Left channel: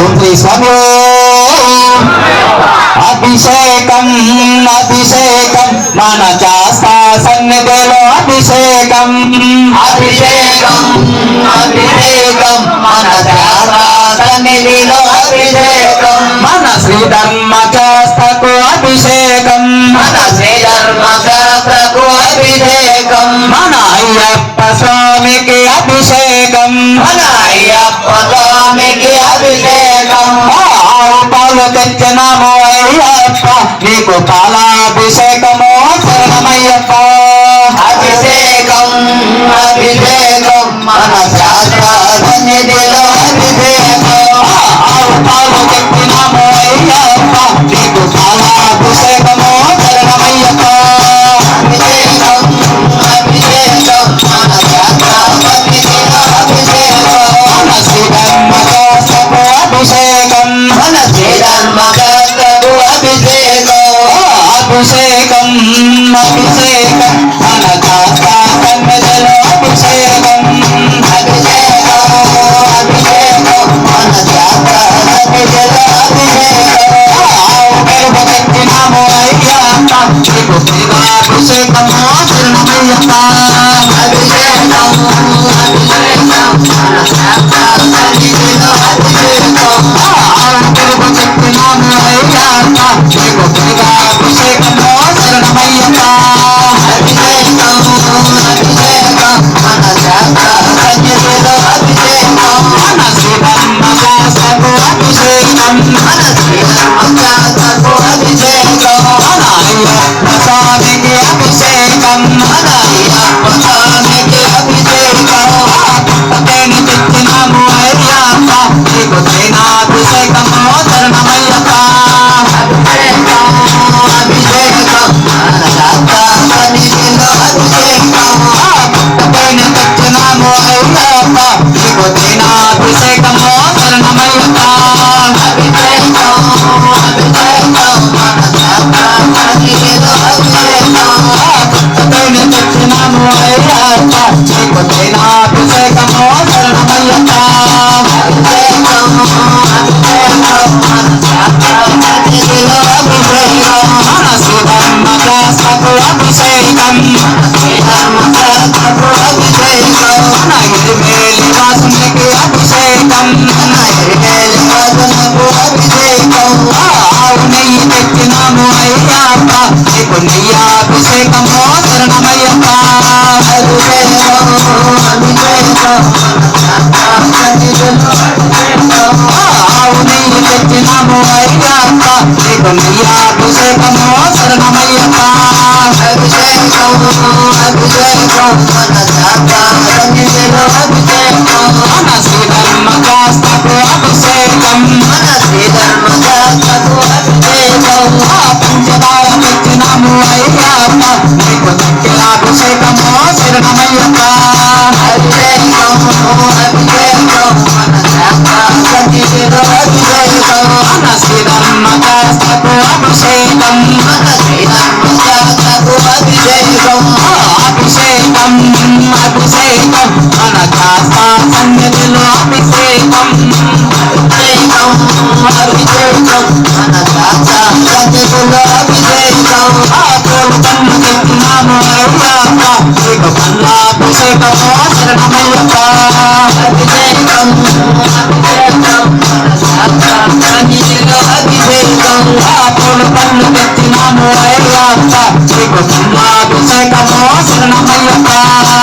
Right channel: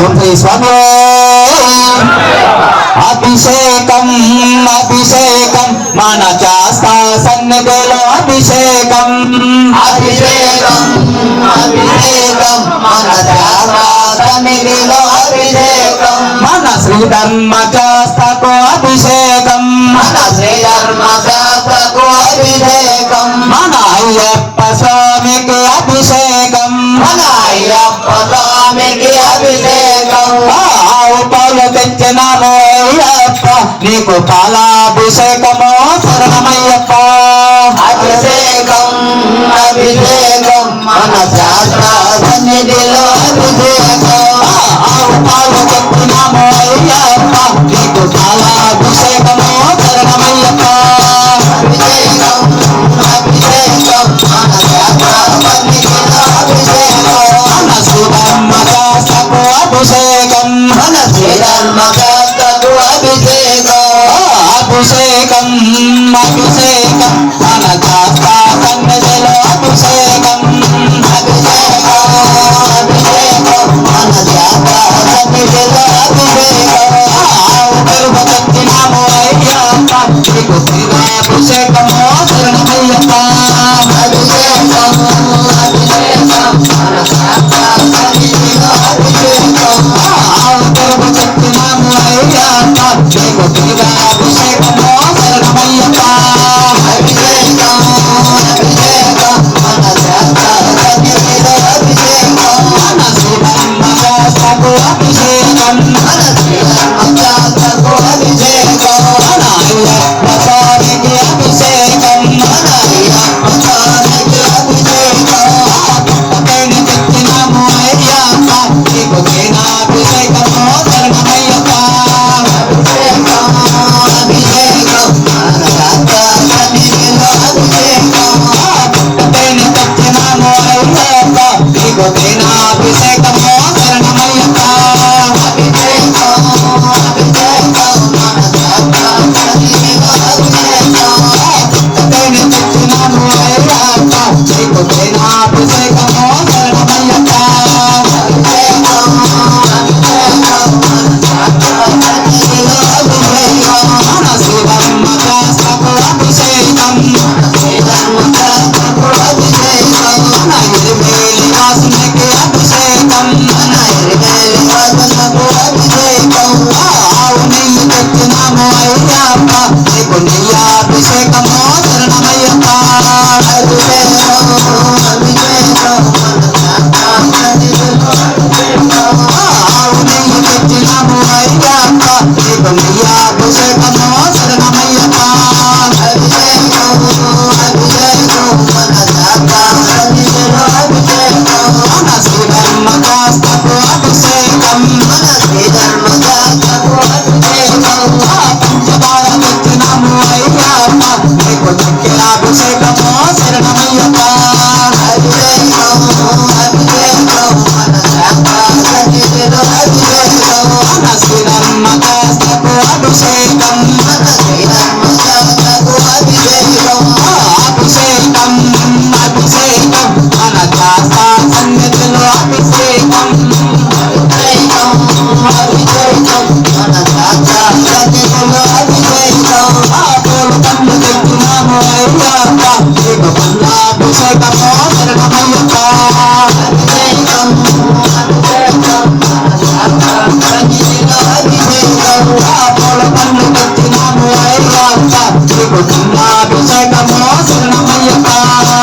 తుమ్మి స్వామి అభిషేకం అభిషేకం మన శాస్తా సన్నిధిలో అభిషేకం. అభిషేకం అభిషేకం మన శాస్తా సన్నిధిలో అభిషేకం. మన శ్రీ ధర్మ పాలాభిషేకమో ధనమయ్యప్ప అభిషేకం అభిషేకం. మన శాస్త్రనిధిలో అభిషేకం. ఆవు పాలు చెప్పినామో అయ్యప్ప నీకు పాలాభిషేకమో ధనమయ్యప్ప అభిషేకం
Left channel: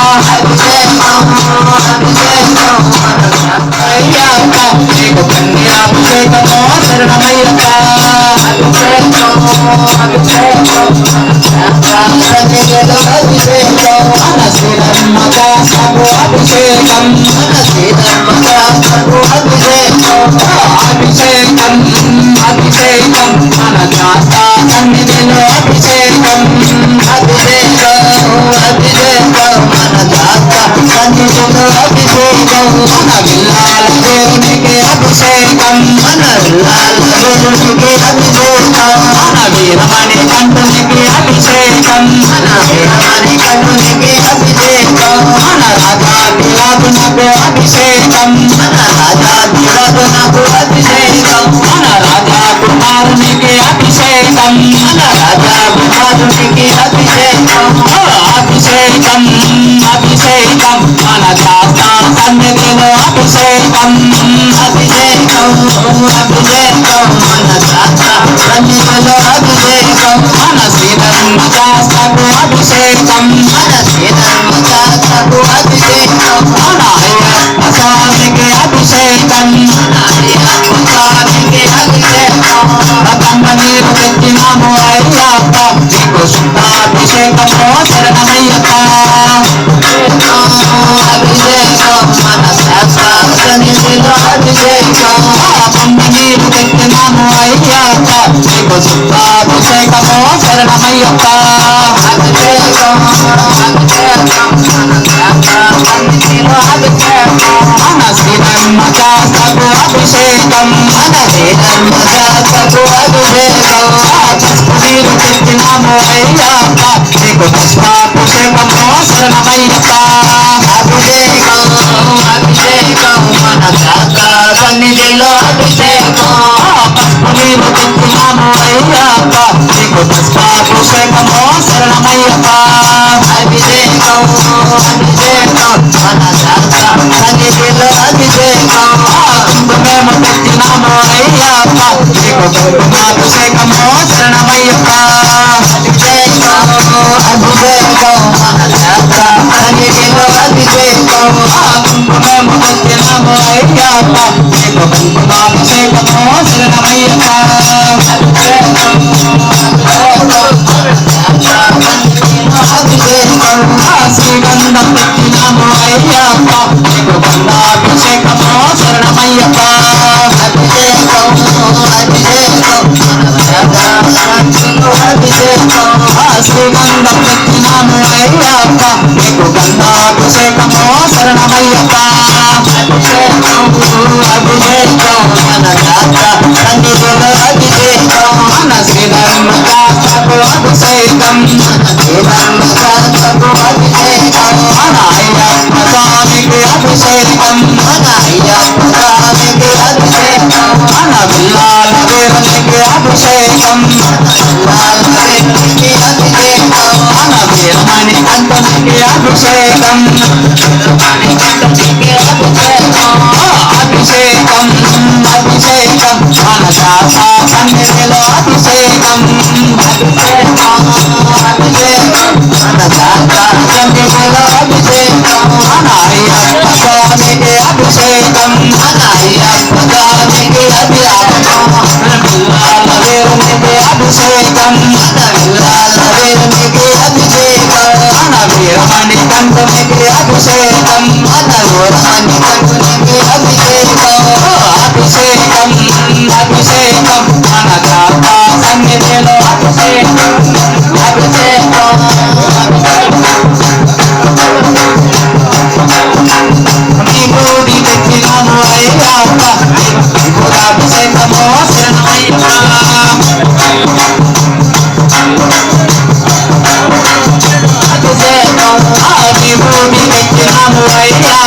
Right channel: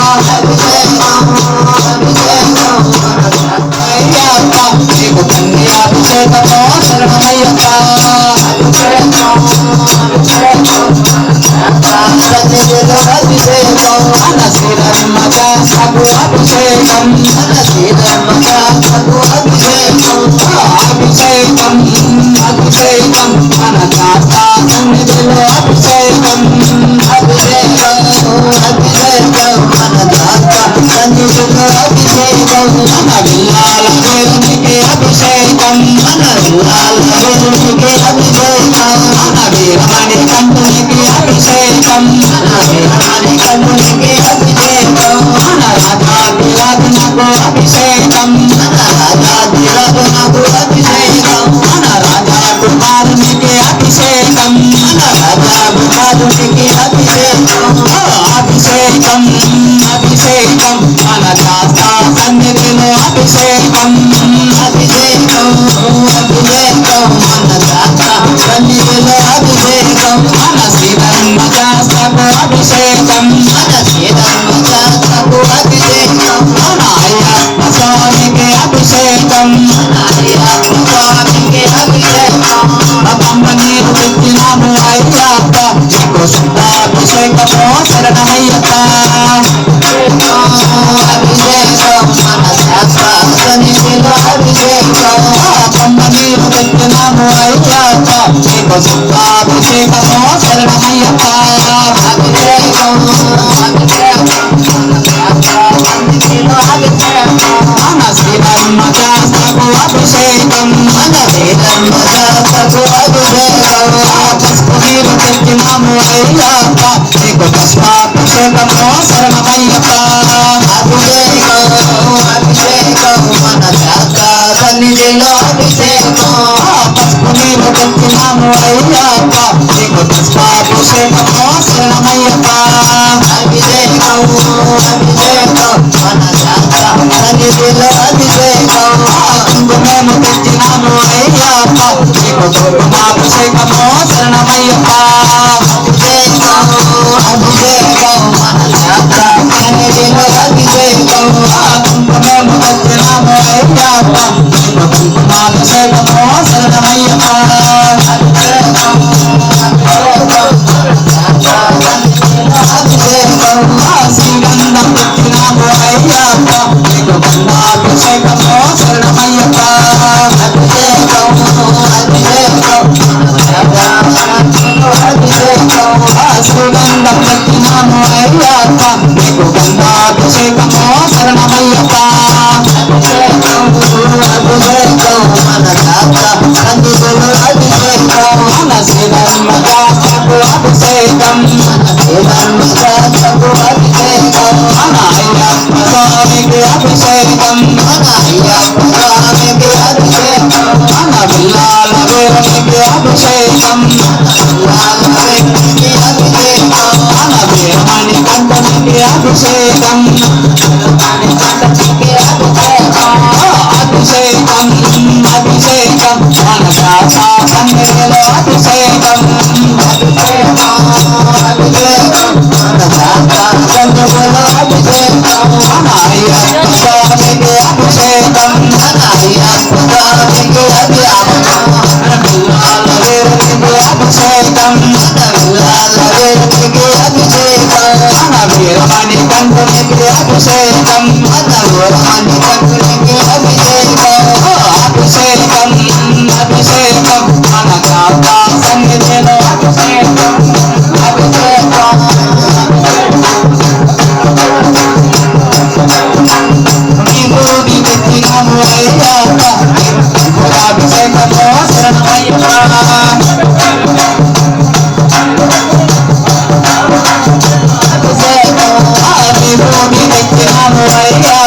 I am yeah, yeah, yeah, yeah, yeah, yeah, yeah, yeah, yeah, yeah, Ayyappa నీకు శుద్ధాభిషేకము శరణమయ్యప్ప అభిషేకం అభిషేకం మన శ్రీధర్మశాస్త్రకు అభిషేకం మన శ్రీధర్మశాస్త్రకు అభిషేకం నీరు తెచ్చినాము అయ్యప్ప నీకు శరణమయ్యప్ప అభిషేకం అభిషేకం మన శాస్త్ర సన్నిధిలో అభిషేకం. నీరు అయ్యప్ప నీకు పుష్పాభిషేకము శరణమయ్యప్ప అభిషేకం అభిషేకం మన జాత శాస్త్ర సన్నిధిలో అభిషేకం మేము తెచ్చినాము అయ్యప్ప నీకు పుష్పాభిషేకము శరణమయ్యప్ప అభిషేకం అభిషేకం మన జాత శాస్త్ర సన్నిధిలో అభిషేకం మేము తెచ్చినాము అయ్యప్ప నీకు అభిషేకం. అయ్యప్ప నీకు గంధాభిషేకము శరణమయ్యప్ప అభిషేకం మన అభిషేకం మన అభిషేకం అభిషేకం. అభిషేకం అభిషేకం మన శాస సన్నిధిలో అభిషేకం అభిషేకం అభిషేకం మన అభిషేకం తెచ్చినాము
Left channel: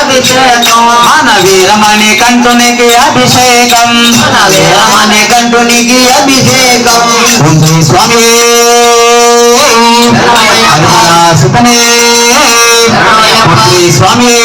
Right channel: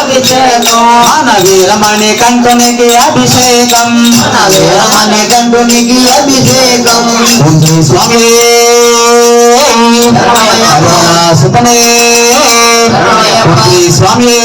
అభిషేకం మన వీరమణి కంఠునికి అభిషేకం. కంటునికి అభిషేకం స్వామి సుఖనే స్వామి